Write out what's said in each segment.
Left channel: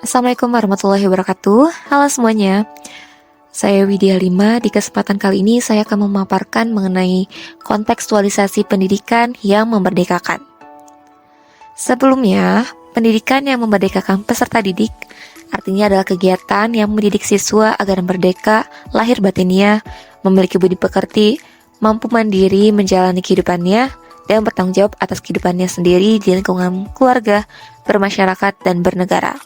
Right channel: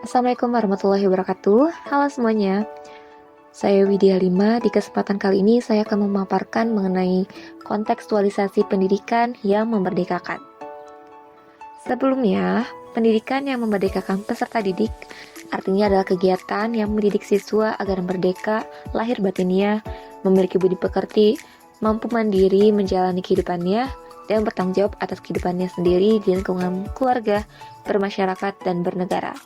Assalamualaikum warahmatullahi wabarakatuh. Halo semuanya, saya Widya Lima. Di kesempatan kali ini saya akan memaparkan mengenai kontekstualisasi pendidikan yang memerdekakan. Sebelumnya, pendidikan yang memerdekakan peserta didik artinya adalah kegiatan yang mendidik siswa agar merdeka, lahir batinnya, memiliki budi pekerti, mampu mandiri menjalani kehidupannya, dan bertanggung jawab atas kehidupannya sendiri di lingkungan keluarga, bermasyarakat, dan bernegara.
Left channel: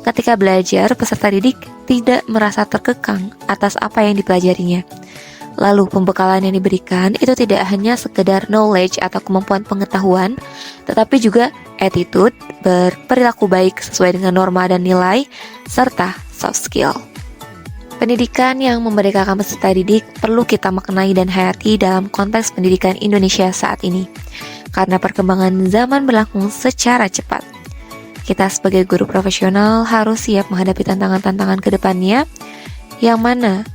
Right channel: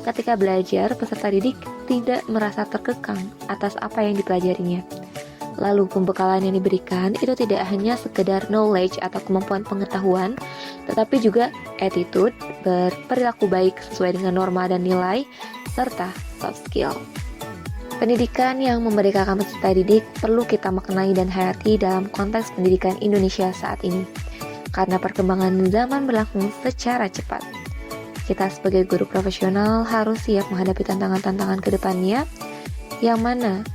Ketika belajar, peserta didik tidak merasa terkekang atas apa yang dipelajarinya. Lalu pembekalan yang diberikan itu tidak hanya sekedar knowledge atau kemampuan pengetahuan, tetapi juga attitude, berperilaku baik sesuai dengan norma dan nilai, serta soft skill. Pendidikan yang memerdekakan peserta didik perlu kita maknai dan hayati dalam konteks pendidikan Indonesia saat ini, karena perkembangan zaman berlangsung secara cepat. Kita sebagai guru profesional harus siap menghadapi tantangan-tantangan ke depannya, yang mana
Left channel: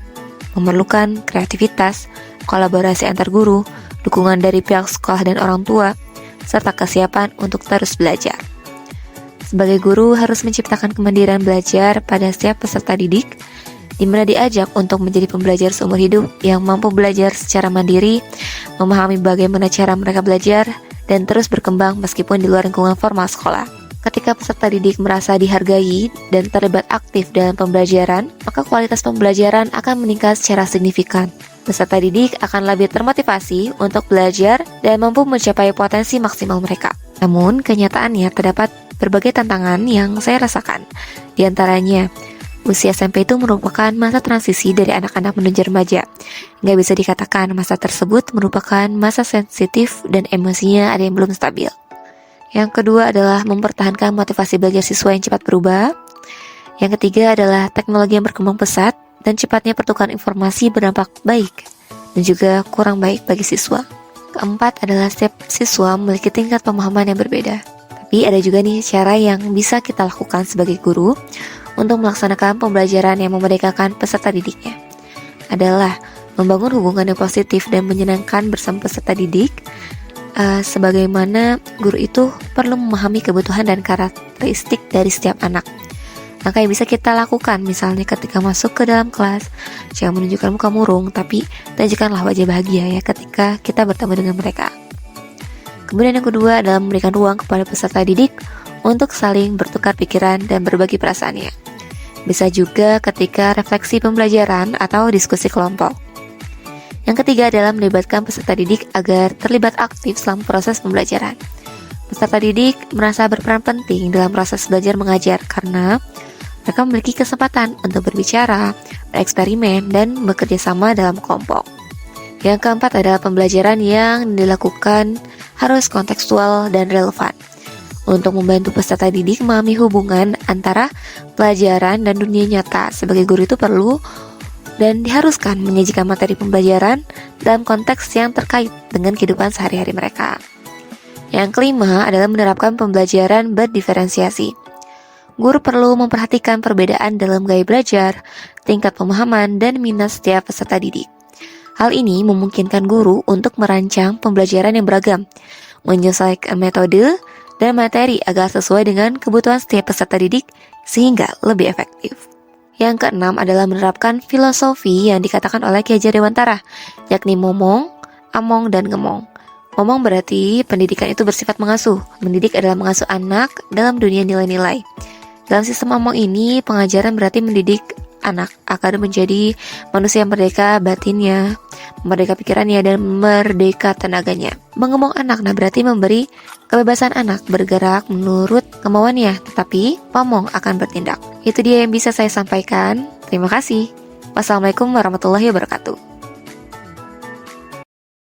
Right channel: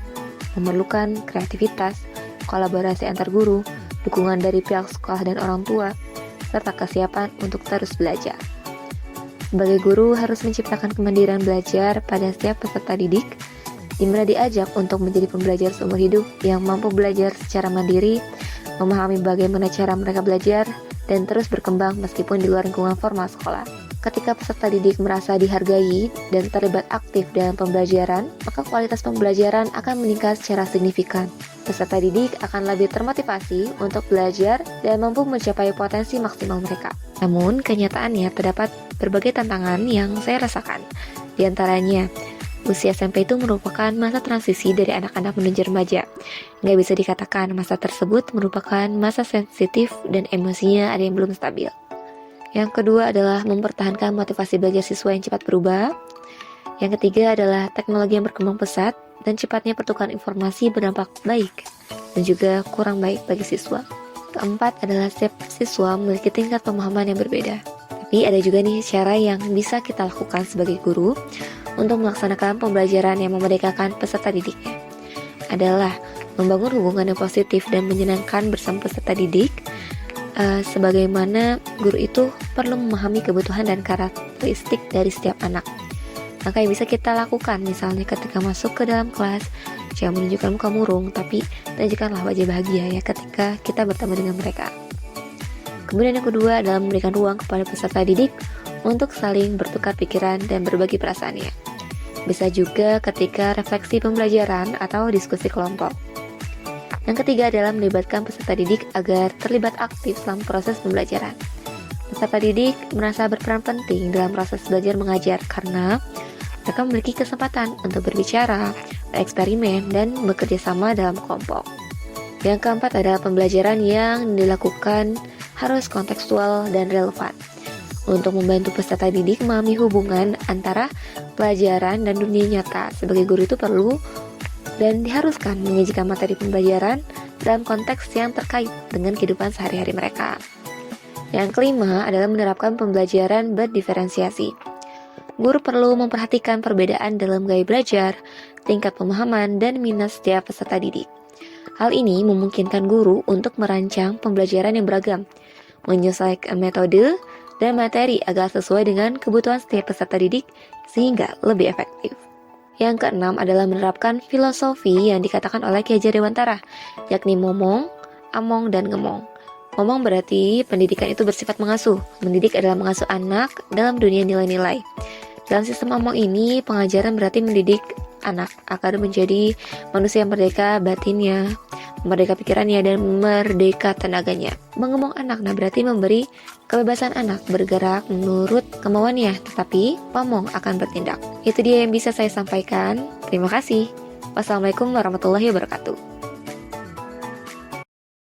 memerlukan kreativitas, kolaborasi antar guru, dukungan dari pihak sekolah dan orang tua, serta kesiapan untuk terus belajar. Sebagai guru harus menciptakan kemandirian belajar pada setiap peserta didik, di mana diajak untuk menjadi pembelajar seumur hidup yang mampu belajar secara mandiri, memahami bagaimana cara mereka belajar, dan terus berkembang meskipun di luar lingkungan formal sekolah. Ketika peserta didik merasa dihargai dan terlibat aktif dalam pembelajaran, maka kualitas pembelajaran akan meningkat secara signifikan. Peserta didik akan lebih termotivasi untuk belajar dan mampu mencapai potensi maksimal mereka. Namun, kenyataannya terdapat berbagai tantangan yang saya rasakan. Di antaranya, usia SMP itu merupakan masa transisi dari anak-anak menuju remaja. Nggak bisa dikatakan masa tersebut merupakan masa sensitif dan emosinya ada yang belum stabil. Yang kedua adalah mempertahankan motivasi belajar siswa yang cepat berubah. Yang ketiga adalah teknologi yang berkembang pesat dan cepatnya pertukaran informasi berdampak baik dan juga kurang baik bagi siswa. Keempat adalah setiap siswa memiliki tingkat pemahaman yang berbeda. Tapi ada juga nih cara yang bisa kita lakukan sebagai guru untuk melaksanakan pembelajaran yang memerdekakan peserta didiknya. Adalah membangun hubungan yang positif dan menyenangkan bersama peserta didik. Sebagaimana guru itu perlu memahami kebutuhan dan karakteristik dari setiap anak. Maka yang bisa kita lakukan misalnya ketika masuk ke dalam kelas, jangan menunjukkan muka murung, tapi tunjukkanlah wajah bahagia ya ketika kita bertemu dengan mereka. Kemudian yang kedua adalah memberikan ruang kepada peserta didik untuk saling bertukar pikiran dan berbagi perasaannya. Bisa juga ketika refleksi pembelajaran atau diskusi kelompok. Yang ketiga adalah melibatkan peserta didik agar terlibat aktif selama proses pembelajaran. Peserta didik merasa berperan penting dalam proses belajar mengajar karena mereka memiliki kesempatan untuk berbicara, bereksperimen, dan bekerja sama dalam kelompok. Yang keempat adalah pembelajaran yang dilakukan harus kontekstual dan relevan. Untuk membantu peserta didik memahami hubungan antara pelajaran dan dunia nyata, sebagai guru itu perlu dan diharuskan menyajikan materi pembelajaran dalam konteks yang terkait dengan kehidupan sehari-hari mereka. Yang kelima adalah menerapkan pembelajaran berdiferensiasi. Guru perlu memperhatikan perbedaan dalam gaya belajar, tingkat pemahaman, dan minat setiap peserta didik. Hal ini memungkinkan guru untuk merancang pembelajaran yang beragam, menyesuaikan metode dan materi agar sesuai dengan kebutuhan setiap peserta didik sehingga lebih efektif. Yang keenam adalah menerapkan filosofi yang dikatakan oleh Ki Hajar Dewantara, yakni momong, among, dan ngemong. Momong berarti pendidikan itu bersifat mengasuh. Mendidik adalah mengasuh anak dalam dunia nilai-nilai. Dalam sistem among ini, pengajaran berarti mendidik anak agar menjadi manusia yang merdeka batinnya, merdeka pikirannya, dan merdeka tenaganya. Mengemong anak, berarti memberi kebebasan anak bergerak menurut kemauannya, tetapi pamong akan bertindak. Itu dia yang bisa saya sampaikan. Terima kasih. Wassalamualaikum warahmatullahi wabarakatuh.